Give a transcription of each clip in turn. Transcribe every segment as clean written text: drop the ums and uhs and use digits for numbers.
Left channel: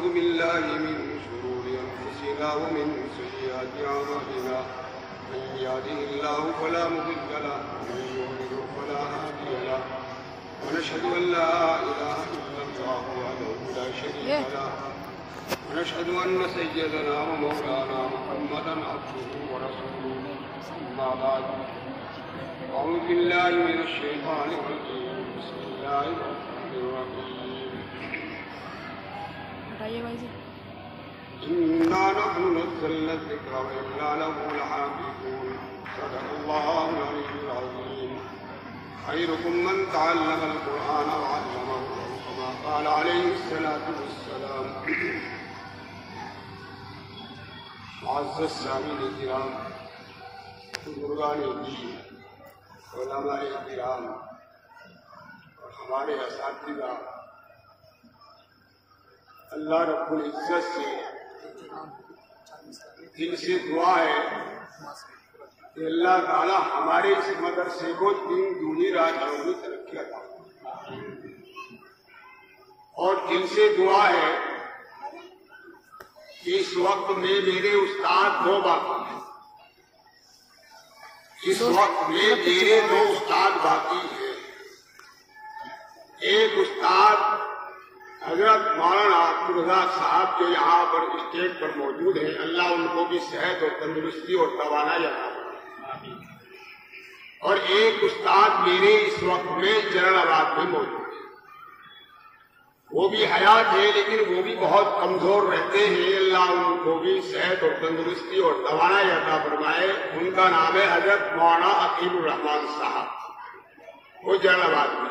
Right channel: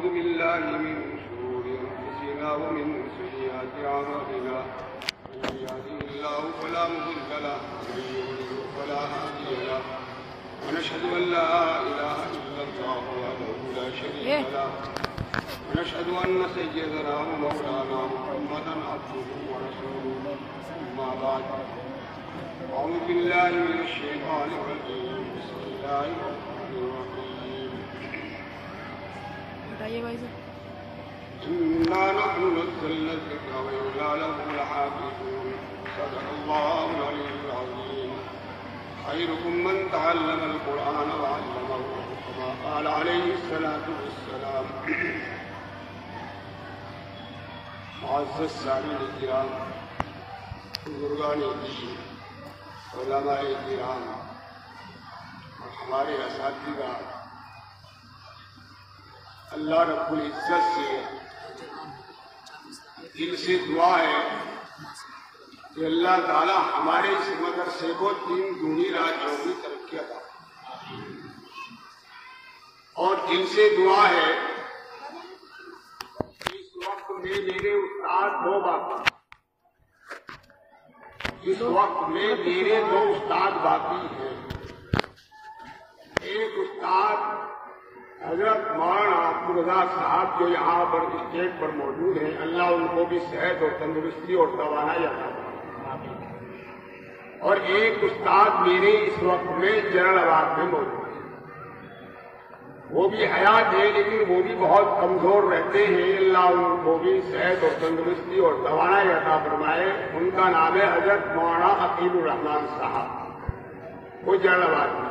ونعوذ بالله من شرور أنفسنا ومن سيئات أعمالنا من يهده الله فلا مضل له ومن يضلل فلا هادي له ونشهد أن لا إله إلا الله وحده لا شريك له ونشهد أن سيدنا ومولانا محمدا عبده ورسوله أما بعد أعوذ بالله من الشيطان الرجيم بسم الله الرحمن الرحيم إنا نحن نزلنا الذكر وإنا له لحافظون صدق الله العلي العظيم خيركم من تعلم القرآن وعلمه كما قال عليه الصلاة والسلام معزز السامعين الكرام بزرگان دین علماء کرام اور ہمارے اساتذہ اللہ رب العزت سے دل سے دعا ہے کہ اللہ تعالی ہمارے اس مدرسے کو دین دنیا رات میں ترقی عطا فرمائے اور دل سے دعا ہے کہ اس وقت میں میرے استاد دو باقی دو استاد باقی ہیں. ایک استاد حضرت مولانا عبدالرزاق صاحب جو یہاں پر اسٹیج پر موجود ہیں، اللہ ان کو بھی صحت اور تندرستی اور توانائی عطا فرمائے. اور ایک استاد میرے اس وقت میں جنرل آباد میں موجود ہیں. وہ بھی حیات ہے لیکن وہ بھی بہت کمزور رہتے ہیں. اللہ ان کو بھی صحت اور تندرستی اور توانائی عطا فرمائے. ان کا نام ہے حضرت مولانا عقیل الرحمان صاحب، وہ جنرل آباد میں.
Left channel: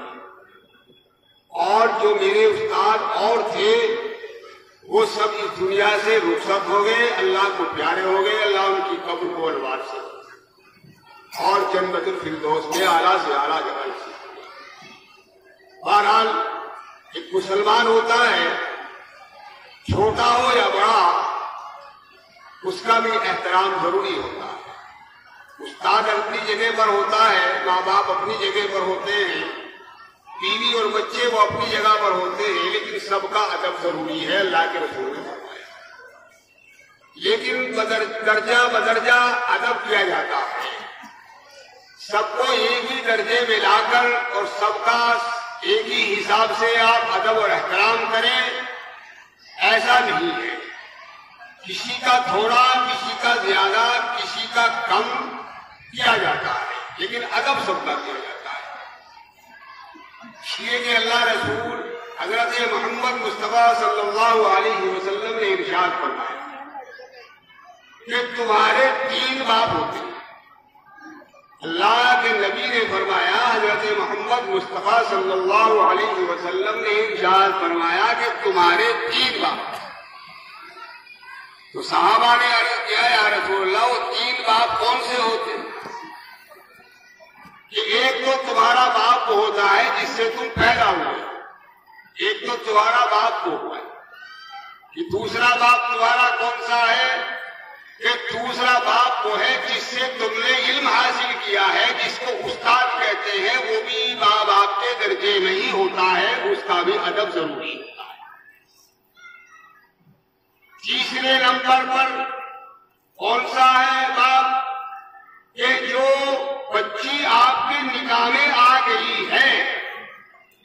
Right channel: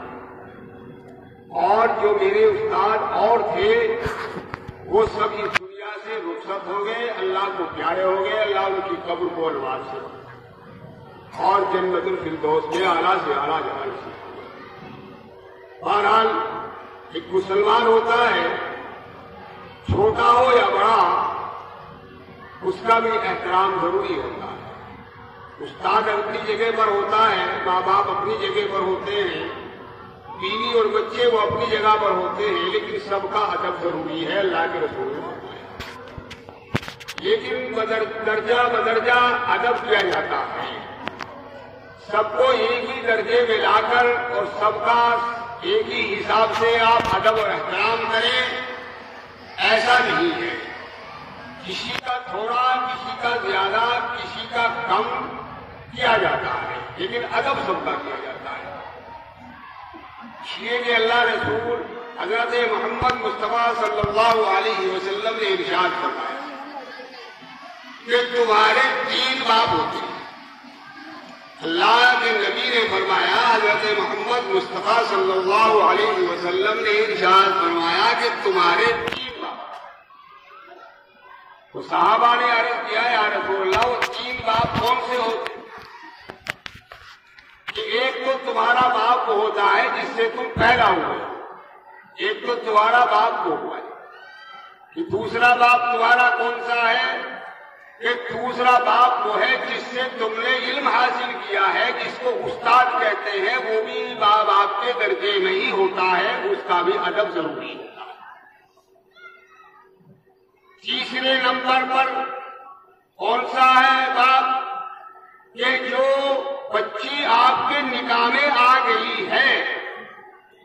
اور جو میرے استاد اور تھے وہ سب اس دنیا سے رخصت ہو گئے، اللہ کو پیارے ہو گئے. اللہ ان کی قبر کو انوار سے اور جنت الفردوس میں اعلیٰ سے اعلیٰ جگہ سے. بہرحال ایک مسلمان ہوتا ہے، چھوٹا ہو یا بڑا، اس کا بھی احترام ضروری ہوتا ہے. استاد اپنی جگہ پر ہوتا ہے، ماں باپ اپنی جگہ پر ہوتے ہیں، بیوی اور بچے وہ اپنی جگہ پر ہوتے ہیں، لیکن سب کا ادب ضروری ہے. اللہ کے رسول نے فرمایا. لیکن درجہ بدرجہ ادب کیا جاتا ہے. سب کو ایک ہی درجے میں لا کر اور سب کا ایک ہی حساب سے آپ ادب اور احترام کریں، ایسا نہیں ہے. کسی کا تھوڑا، کسی کا زیادہ، کسی کا کم کیا جاتا ہے، لیکن ادب سب کا کیا جاتا ہے. اس لیے کہ اللہ رسول حضرت محمد مصطفیٰ صلی اللہ علیہ وسلم نے ارشاد فرمایا کہ تمہارے 3 باپ ہوتے ہیں. اللہ کے نبی نے فرمایا، حضرت محمد مصطفیٰ صلی اللہ علیہ وسلم نے ارشاد فرمایا کہ تمہارے 3 باپ. تو صحابہ نے عرض کیا، یا رسول اللہ وہ 3 باپ کون سے ہوتے؟ کہ ایک تو تمہارا باپ وہ ہوتا ہے جس سے تم پیدا ہوئے، ایک تو تمہارا باپ وہ ہوا ہے. کہ دوسرا باپ تمہارا کون سا ہے؟ کہ دوسرا باپ وہ ہے جس سے تم نے علم حاصل کیا ہے، جس کو استاد کہتے ہیں. وہ بھی ماں باپ کے درجے میں ہی ہوتا ہے، اس کا بھی ادب ضروری ہوتا ہے. تیسرے نمبر پر کون سا ہے باپ؟ کہ جو بچی آپ کے نکاح میں آ گئی ہے،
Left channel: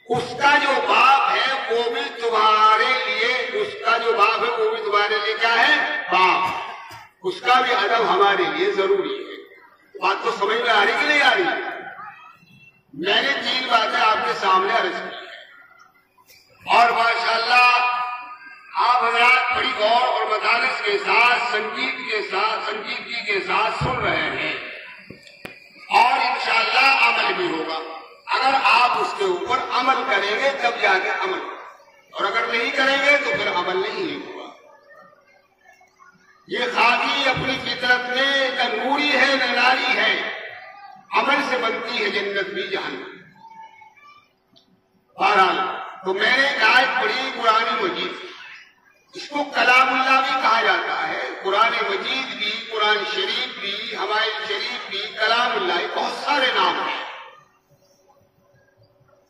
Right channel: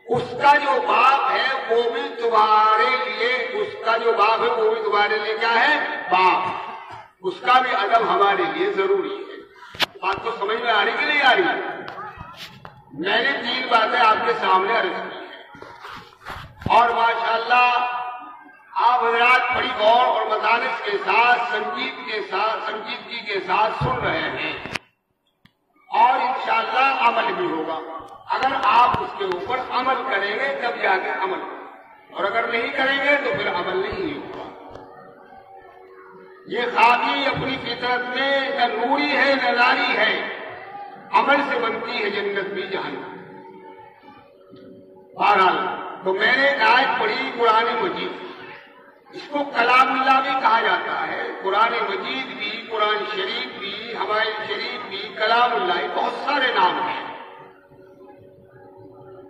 اس کا جو باپ ہے وہ بھی تمہارے لیے، اس کا جو باپ ہے وہ بھی تمہارے لیے کیا ہے؟ باپ. اس کا بھی ادب ہمارے لیے ضروری ہے. بات تو سمجھ میں آ رہی کہ نہیں آ رہی؟ میں نے 3 باتیں آپ کے سامنے عرض کی ہیں اور ماشاءاللہ آپ حضرات بڑی غور اور مدارس کے ساتھ سنجیدگی کے ساتھ سن رہے ہیں اور انشاءاللہ عمل بھی ہوگا. اگر آپ اس کے اوپر عمل کریں گے تب جا کے عمل ہوگا، اور اگر نہیں کریں گے تو پھر عمل نہیں ہوگا. یہ خاکی اپنی فطرت میں نہ نوری ہے نہ ناری ہے. عمل سے بنتی ہے جنت بھی جہنم. بہرحال تو میں نے آیت پڑھی قرآن مجید، اس کو کلام اللہ بھی کہا جاتا ہے. قرآن مجید بھی، قرآن شریف بھی، حمائل شریف بھی، کلام اللہ، بہت سارے نام ہیں.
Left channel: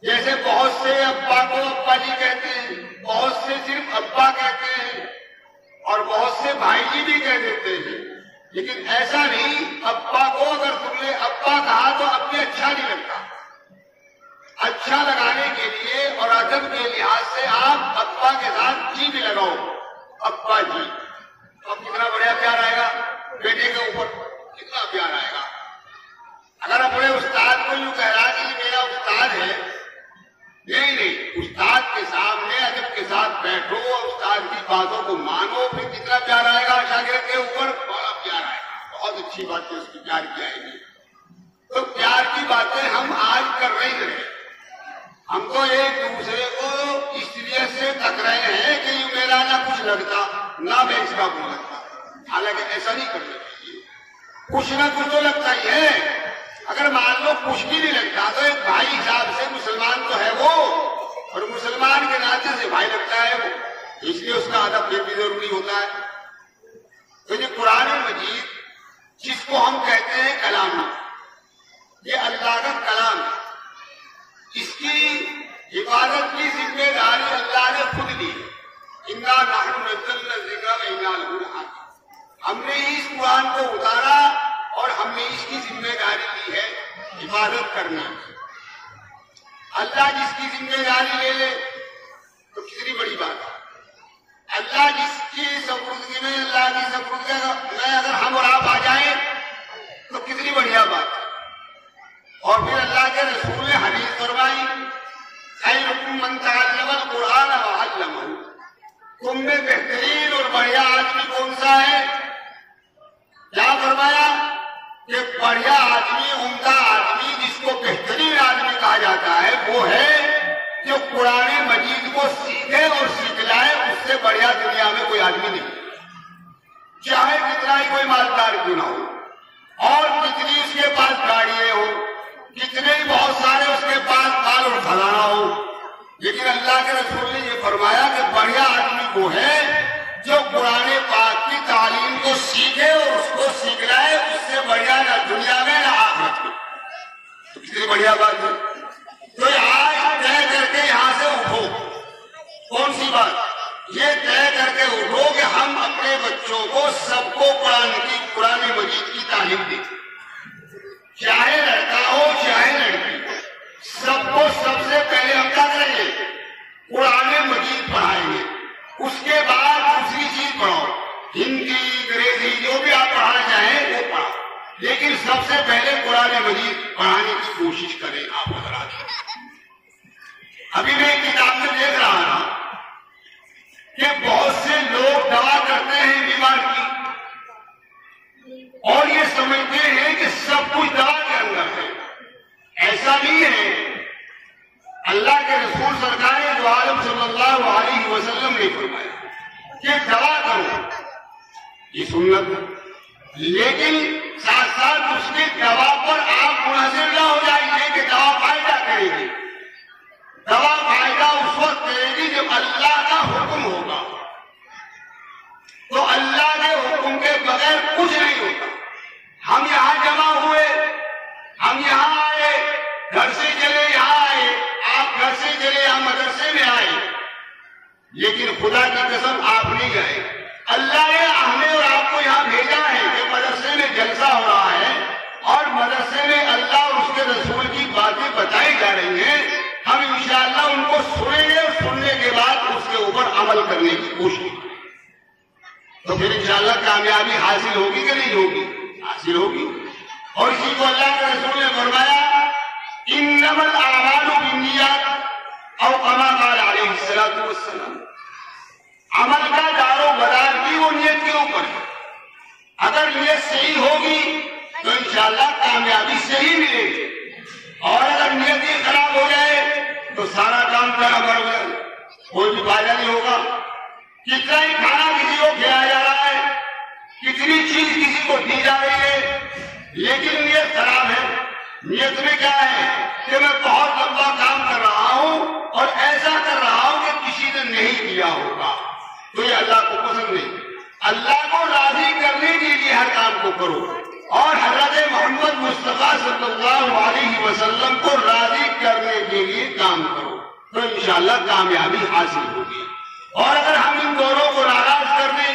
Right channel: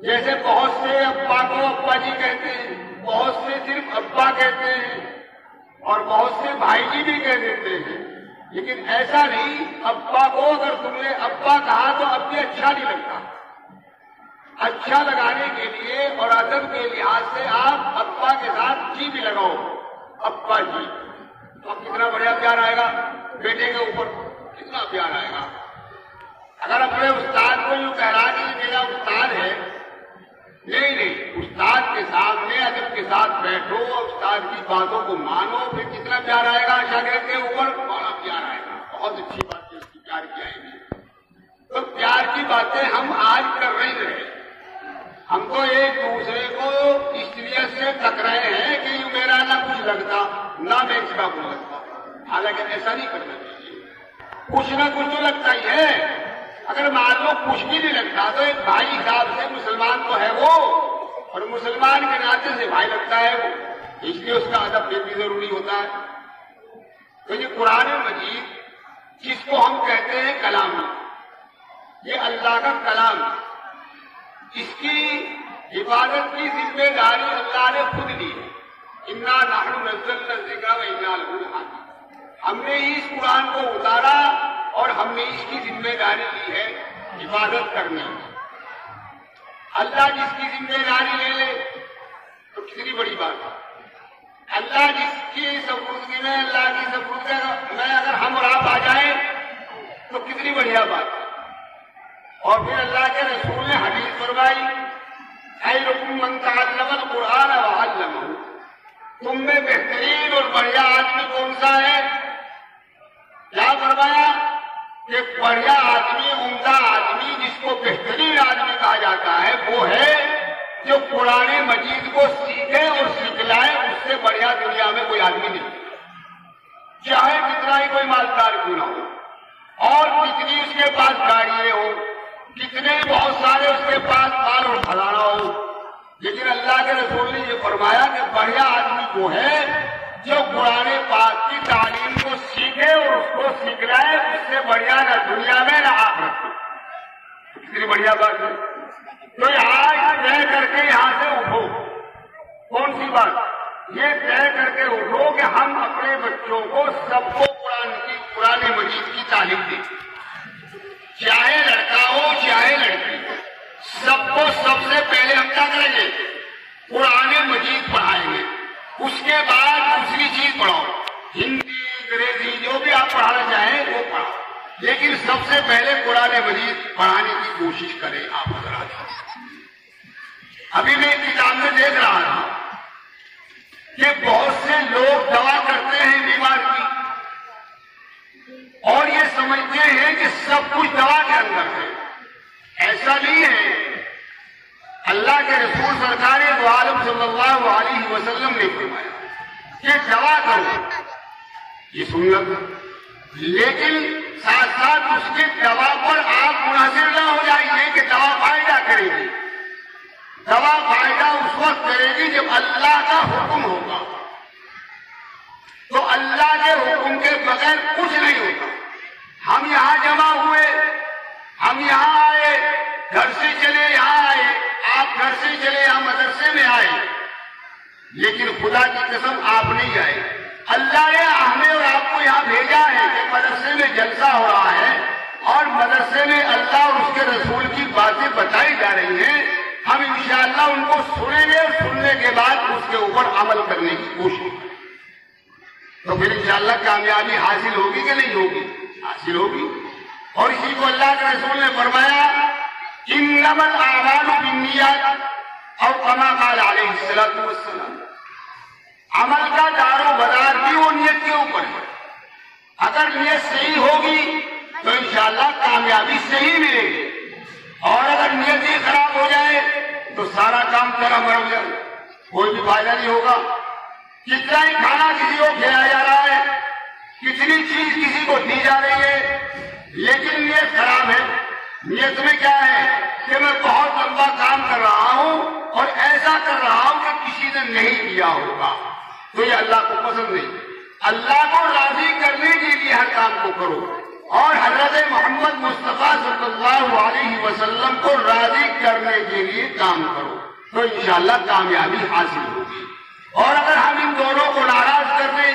جیسے بہت سے ابا کو ابا جی کہتے ہیں، بہت سے صرف ابا کہتے ہیں اور بہت سے بھائی جی بھی کہہ دیتے ہیں، لیکن ایسا نہیں۔ ابا کو اگر تم نے ابا کہا تو اب بھی اچھا نہیں لگتا۔ اچھا لگانے کے لیے اور ادب کے لحاظ سے آپ ابا کے ساتھ جی بھی لگاؤ، ابا جی، اب کتنا بڑھیا پیار آئے گا بیٹے کے اوپر، کتنا پیار آئے گا۔ اگر اپنے استاد کو یوں کہنا کہ یہ میرا استاد ہے، نہیں، استاد کے سامنے ادب کے ساتھ بیٹھو، استاد کی باتوں کو مانو، پھر کتنا پیار آئے گا شاگرد کے اوپر، بڑا پیار آئے گا۔ بہت اچھی بات ہے، اس کی پیار کی آئے گی۔ تو پیار کی باتیں ہم آج کر رہے ہیں، ہم تو ایک دوسرے کو اس لیے سے تک رہے ہیں کہ یہ میرا نہ کچھ لگتا نہ میں اس کا کچھ لگتا، حالانکہ ایسا نہیں کرنا چاہیے۔ کچھ نہ کچھ تو لگتا ہی ہے۔ اگر مان لو کچھ بھی نہیں لگتا تو ایک بھائی حساب سے مسلمان تو ہے وہ، اور مسلمان کے ناطے سے بھائی لگتا ہے وہ، اس لیے اس کا ادب بھی ضروری ہوتا ہے۔ تو یہ قرآن مجید جس کو ہم کہتے ہیں کلام، یہ اللہ کا کلام ہے، اس کی حفاظت کی ذمہ داری اللہ نے خود لی ہے۔ اِنَّا نَحْنُ نَزَّلْنَا الذِّكْرَ وَإِنَّا لَهُ لَحَافِظُونَ۔ ہم نے اس قرآن کو اتارا اور ہم نے اس کی ذمہ داری لی ہے حفاظت کرنے کی۔ اللہ جس کی ذمہ داری لے لے تو کتنی بڑی بات ہے۔ اللہ جس کی سپردگی میں، اللہ کی سپردگی میں اگر ہم اور آپ آ جائیں تو کتنی بڑھیا بات ہے۔ اور پھر اللہ کے رسول نے حدیث فرمائی، خیرکم من تعلم القرآن وعلمہ، تم میں بہترین اور بڑھیا آدمی کون سا ہے؟ کیا فرمایا کہ بڑھیا آدمی، عمدہ آدمی، جس کو بہترین آدمی کہا جاتا ہے، وہ ہے جو قرآن مجید کو سیکھے اور سکھلائے۔ اس سے بڑھیا دنیا میں کوئی آدمی نہیں، چاہے کتنا ہی کوئی مالدار کیوں نہ ہو، اور کتنی اس کے پاس گاڑیاں ہو، کتنے ہی بہت سارے اس کے پاس مال اور خزانہ ہو، لیکن اللہ کے رسول نے یہ فرمایا کہ بڑھیا آدمی وہ ہے جو قرآن پاک کی تعلیم کو سیکھے اور اس کو سکھلائے۔ اس سے بڑھیا نہ دنیا میں نہ آخرت میں۔ کتنی بڑھیا بات ہے۔ تو آج طے کر کے یہاں سے اٹھو۔ کون سی بات؟ یہ طے کر کے اٹھو کہ ہم اپنے بچوں کو سب کو قرآن مجید کی تعلیم دیں، چاہے لڑکا ہو چاہے لڑکی ہو، سب کو سب سے پہلے ہم کیا کریں گے؟ قرآن مجید پڑھائیں گے۔ اس کے بعد دوسری چیز پڑھاؤ، ہندی، انگریزی، جو بھی آپ پڑھانا چاہیں وہ پڑھاؤ، لیکن سب سے پہلے قرآن مجید پڑھانے کی کوشش کریں آپ حضرات۔ ابھی میں ایک کتاب میں دیکھ رہا تھا کہ بہت سے لوگ دعا کرتے ہیں بیمار کی، اور یہ سمجھتے ہیں کہ سب کچھ دوا کے اندر ہے۔ ایسا نہیں ہے۔ اللہ کے رسول سرکار دو عالم صلی اللہ علیہ وسلم نے فرمایا کہ دوا کرو، یہ سنت، لیکن ساتھ ساتھ اس کی دوا پر آپ منحصر نہ ہو جائیے کہ دوا فائدہ کرے گی۔ دوا فائدہ اس وقت کرے گی جب اللہ کا حکم ہوگا، تو اللہ کے حکم کے بغیر کچھ نہیں ہوتا۔ ہم یہاں جمع ہوئے، ہم یہاں آئے، گھر سے چلے یہاں آئے، آپ گھر سے چلے یہاں مدرسے میں آئے، لیکن خدا کی قسم آپ نہیں آئے۔ اللہ نے ہمیں اور آپ کو یہاں بھیجا ہے کہ مدرسے میں جلسہ ہو رہا ہے اور مدرسے میں اللہ اور اس کے رسول کی باتیں بتائی جا رہی ہیں، ہم انشاءاللہ ان کو سنیں گے، سننے کے بعد اس کے اوپر عمل کرنے کی کوشش کریں، تو پھر انشاءاللہ کامیابی حاصل ہوگی کہ نہیں ہوگی؟ حاصل ہوگی۔ اور اسی کو اللہ کے رسول نے فرمایا انما الاعمال بالنیات، اور کما قال علیہ الصلوۃ والسلام، عمل کا دار و مدار بھی وہ نیت کے اوپر ہے۔ اگر نیت صحیح ہوگی تو انشاءاللہ کامیابی صحیح ملے گی، اور اگر نیت ہی خراب ہو جائے تو سارا کام برابر ہو جائے، کوئی بھی فائدہ نہیں ہوگا۔ کتنا ہی کھانا کسی کو کھلایا جا رہا ہے، کتنی چیز کسی کو دی جا رہی ہے، لیکن نیت خراب ہے۔ نیت میں کیا ہے کہ میں بہت لمبا کام کر رہا ہوں اور ایسا کر رہا ہوں کہ کسی نے نہیں کیا ہوگا، تو یہ اللہ کو پسند نہیں۔ اللہ کو راضی کرنے کے لیے ہر کام کو کرو، اور حضرت محمد مصطفیٰ صلی اللہ علیہ وسلم کو راضی کرنے کے لیے کام کرو، تو انشاءاللہ کامیابی حاصل ہوگی۔ اور اگر ہم کو ناراض کر دے،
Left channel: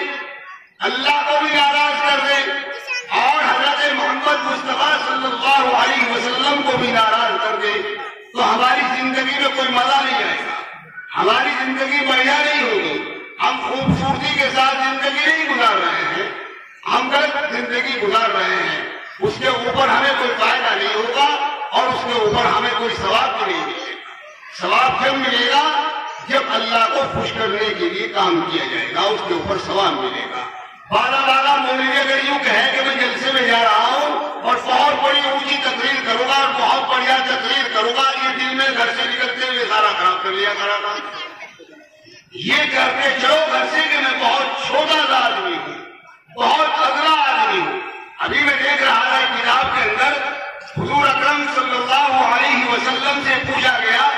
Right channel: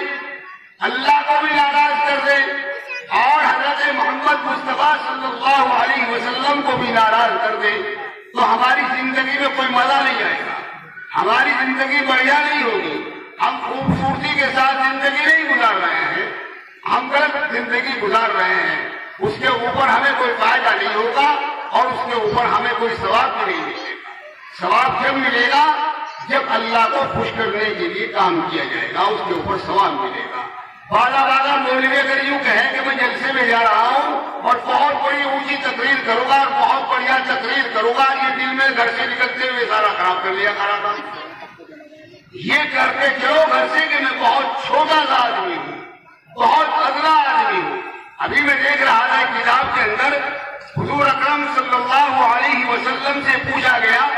اللہ کو بھی ناراض کر دے اور حضرت محمد مصطفیٰ صلی اللہ علیہ وسلم کو بھی ناراض کر دے تو ہماری زندگی میں کوئی مزہ نہیں آئے گا، ہماری زندگی بڑھیا نہیں ہوگی، ہم خوبصورتی کے ساتھ زندگی نہیں گزار رہے ہیں، ہم غلط زندگی گزار رہے ہیں، اس کے اوپر ہمیں کوئی فائدہ نہیں ہوگا اور اس کے اوپر ہمیں کوئی ثواب بھی نہیں ملے گا۔ ثواب پھر ملے گا جب اللہ کو خوش کرنے کے لیے کام کیا جائے گا، اس کے اوپر ثواب ملے گا۔ بالا مولوی اگر یوں کہے کہ میں جلسے میں جا رہا ہوں اور بہت بڑی اونچی تقریر کروں گا اور بہت بڑھیا تقریر کروں گا، یہ دل میں گھر سے نکلتے ہوئے سارا خراب کر لیا، سارا کام یہ کرتے چلو گھر سے کہ میں بہت چھوٹا سا آدمی ہوں، بہت اگلا آدمی ہوں۔ ابھی میں دیکھ رہا تھا کتاب کے اندر حضور اکرم صلی اللہ علیہ وسلم سے پوچھا گیا،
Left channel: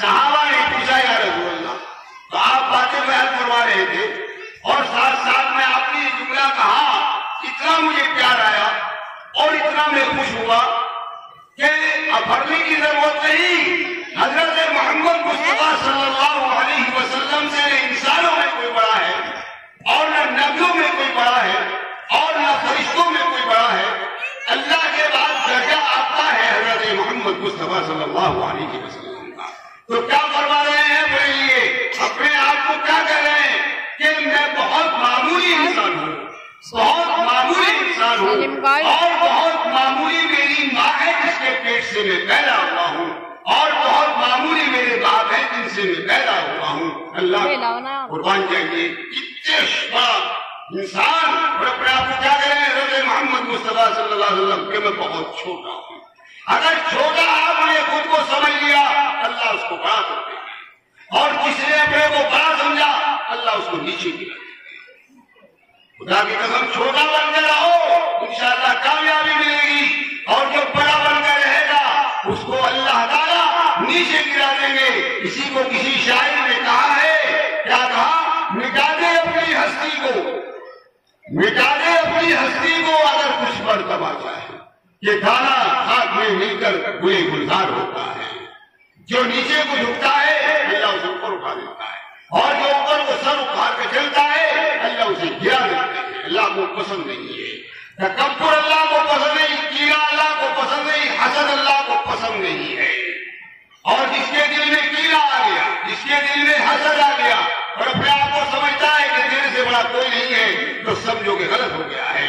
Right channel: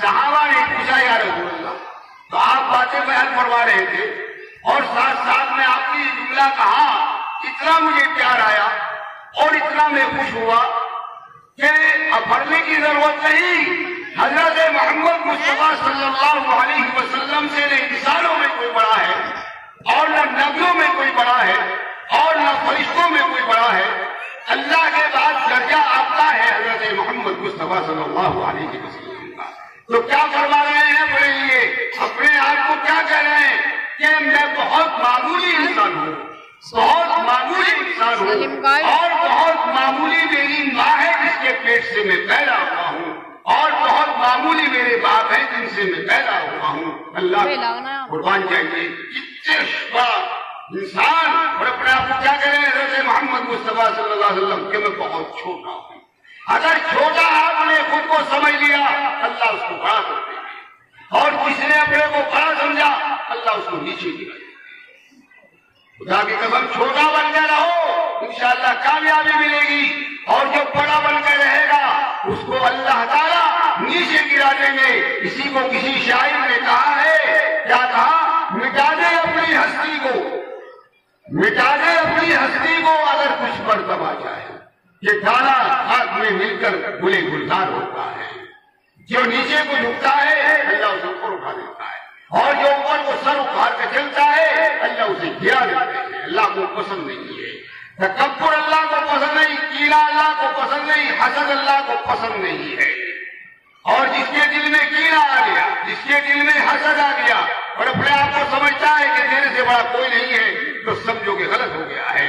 صحابہ نے پوچھا یا رسول اللہ، تو آپ باتیں بیان فرما رہے تھے اور ساتھ ساتھ میں آپ نے یہ جملہ کہا، اتنا مجھے پیار آیا اور اتنا میں خوش ہوا کہ اب پڑھنے کی ضرورت نہیں، حضرت محمد مصطفیٰ صلی اللہ علیہ وسلم سے نہ انسانوں میں کوئی بڑا ہے اور نہ نبیوں میں کوئی بڑا ہے اور نہ فرشتوں میں کوئی بڑا ہے، اللہ کے بعد درجہ آتا ہے حضرت محمد مصطفیٰ صلی اللہ علیہ وسلم کا۔ تو کیا فرما رہے ہیں میرے لیے، اپنے آپ کو کیا کہہ رہے ہیں کہ میں بہت معمولی انسان ہوں، بہت معمولی انسان ہوں اور بہت معمولی میری ماں ہے جس کے پیٹ سے میں پیدا ہوا ہوں اور بہت معمولی میرے باپ ہیں جن سے میں پیدا ہوا ہوں۔ اللہ قربان جائیے کتنے بڑا انسان اور اپنے آپ کو کیا کہہ رہے ہیں حضرت محمد مصطفیٰ صلی اللہ علیہ وسلم کہ میں بہت چھوٹا ہوں۔ اگر چھوٹا آپ نے خود کو سمجھ لیا اللہ اس کو بڑا کر دے گا اور کسی نے اپنے کو بڑا سمجھا اللہ اس کو نیچے گرا دے گا۔ خدا کی قسم چھوٹا بن کے رہو، انشاءاللہ کامیابی ملے گی اور جو بڑا بن کے رہے گا اس کو اللہ تعالیٰ نیچے گرا دیں گے۔ اسی کو کسی شاعر نے کہا ہے، کیا کہا، مٹا دے اپنی ہستی کو، مٹا دے اپنی ہستی کو اگر کچھ مرتبہ چاہے، یہ دانا خاک میں مل کر گلے گلزار ہوتا ہے۔ جو نیچے کو جھکتا ہے اللہ اسے اوپر اٹھا دیتا ہے اور جو اوپر کو سر اٹھا کے چلتا ہے اللہ اسے گرا دیتے ہیں۔ اللہ کو پسند نہیں ہے تکبر، اللہ کو پسند نہیں، کینہ اللہ کو پسند نہیں، حسد اللہ کو پسند نہیں ہے۔ اور جس کے دل میں کینہ آ گیا، جس کے دل میں حسد آ گیا اور اپنے آپ کو سمجھتا ہے کہ تیرے سے بڑا کوئی نہیں ہے تو سمجھو کہ غلط ہو گیا ہے۔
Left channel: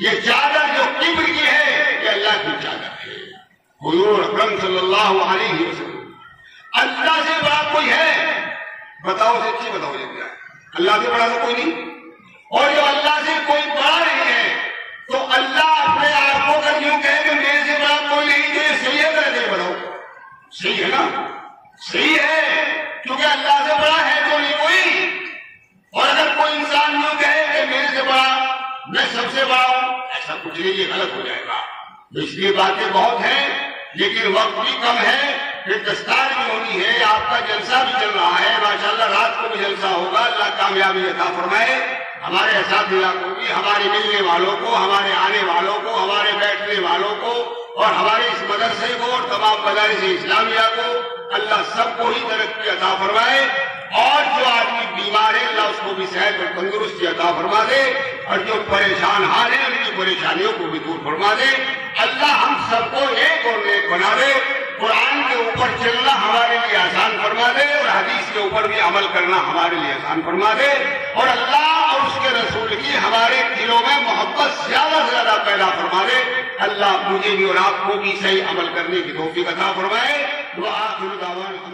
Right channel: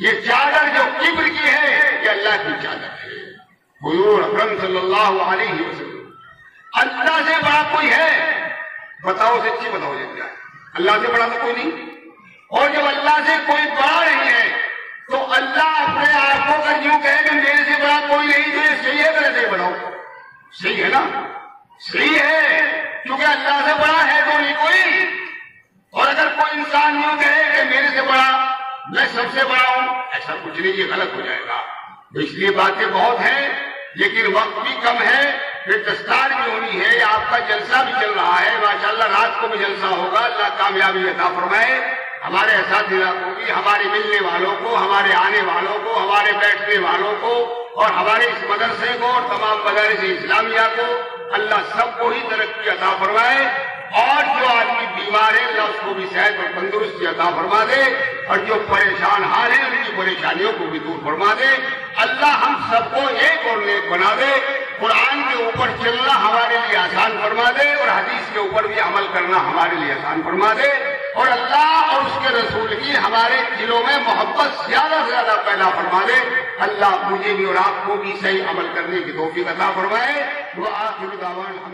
یہ چادر جو کبر کی ہے یہ اللہ کی چادر ہے۔ حضور اکرم صلی اللہ علیہ وسلم، اللہ سے بڑا کوئی ہے؟ بتاؤ سچی بتاؤ جب جائے، اللہ سے بڑا تو کوئی نہیں۔ اور جب اللہ سے کوئی بڑا نہیں ہے تو اللہ اپنے آپ کو اگر یوں کہے کہ میرے سے بڑا کوئی نہیں تو یہ صحیح ہے غلط ہے؟ بڑھاؤ، صحیح ہے نا، صحیح ہے، کیونکہ اللہ سے بڑا ہے تو نہیں کوئی۔ اور اگر کوئی انسان یوں کہے کہ میرے سے بڑا، میں سب سے بڑا ہوں، ایسا کچھ نہیں، یہ غلط ہو جائے گا۔ اس لیے باتیں بہت ہیں لیکن وقت بھی کم ہے، پھر دستار بھی ہونی ہے، آپ کا جلسہ بھی چل رہا ہے، ماشاءاللہ رات کو بھی جلسہ ہوگا، اللہ کامیابی عطا فرمائے ہمارے اساتذہ کو بھی، ہمارے ملنے والوں کو، ہمارے آنے والوں کو، ہمارے بیٹھنے والوں کو اور ہمارے اس مدرسے کو اور تمام مدارس اسلامیہ کو، اللہ سب کو ہی ترقی عطا فرمائے۔ اور جو آدمی بیمار ہے اللہ اس کو بھی صحت اور تندرستی عطا فرما دے اور جو پریشان حال ہیں ان کی پریشانیوں کو بھی دور فرما دے۔ اللہ ہم سب کو ایک اور نیک بنا دے، قرآن کے اوپر چلنا ہمارے لیے آسان فرما دے اور حدیث کے اوپر بھی عمل کرنا ہمارے لیے آسان فرما دے، اور اللہ اور اس کے رسول کی ہمارے دلوں میں محبت زیادہ سے زیادہ پیدا فرما دے۔ اللہ مجھے بھی اور آپ کو بھی صحیح عمل کرنے کی توفیق عطا فرمائے۔ وآخر دعوانا